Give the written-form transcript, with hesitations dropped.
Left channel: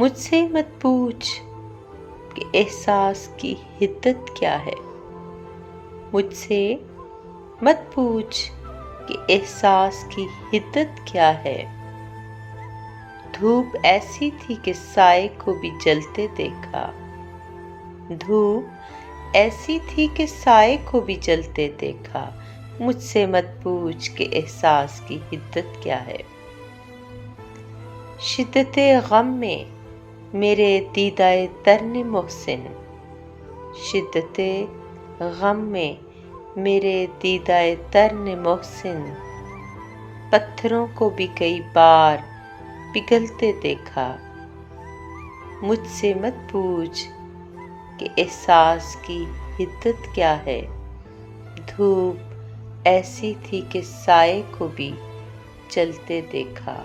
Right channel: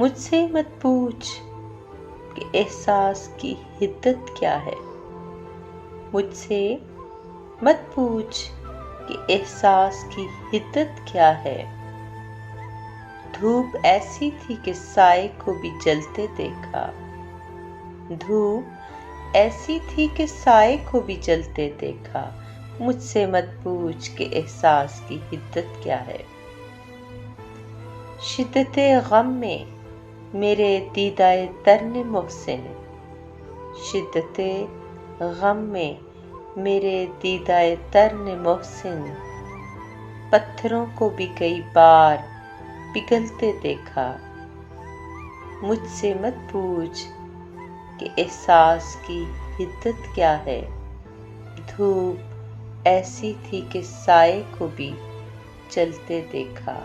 مجھ سے مت پوچھ کہ احساس کی حدت کیا ہے، مجھ سے مت پوچھ کہ احساس کی حدت کیا ہے۔ دھوپ ایسی تھی کہ سائے کو بھی جلتے دیکھا، دھوپ ایسی تھی کہ سائے کو بھی جلتے دیکھا۔ مجھ سے مت پوچھ کہ احساس کی حدت کیا ہے۔ شدت غم میں میرے دیدۂ تر نے محسن، شدت غم میں میرے دیدۂ تر نے محسن، پتھروں کو بھی کئی بار پگھلتے دیکھا۔ مجھ سے مت پوچھ کہ احساس کی حدت کیا ہے۔ دھوپ ایسی تھی کہ سائے کو بھی جلتے دیکھا۔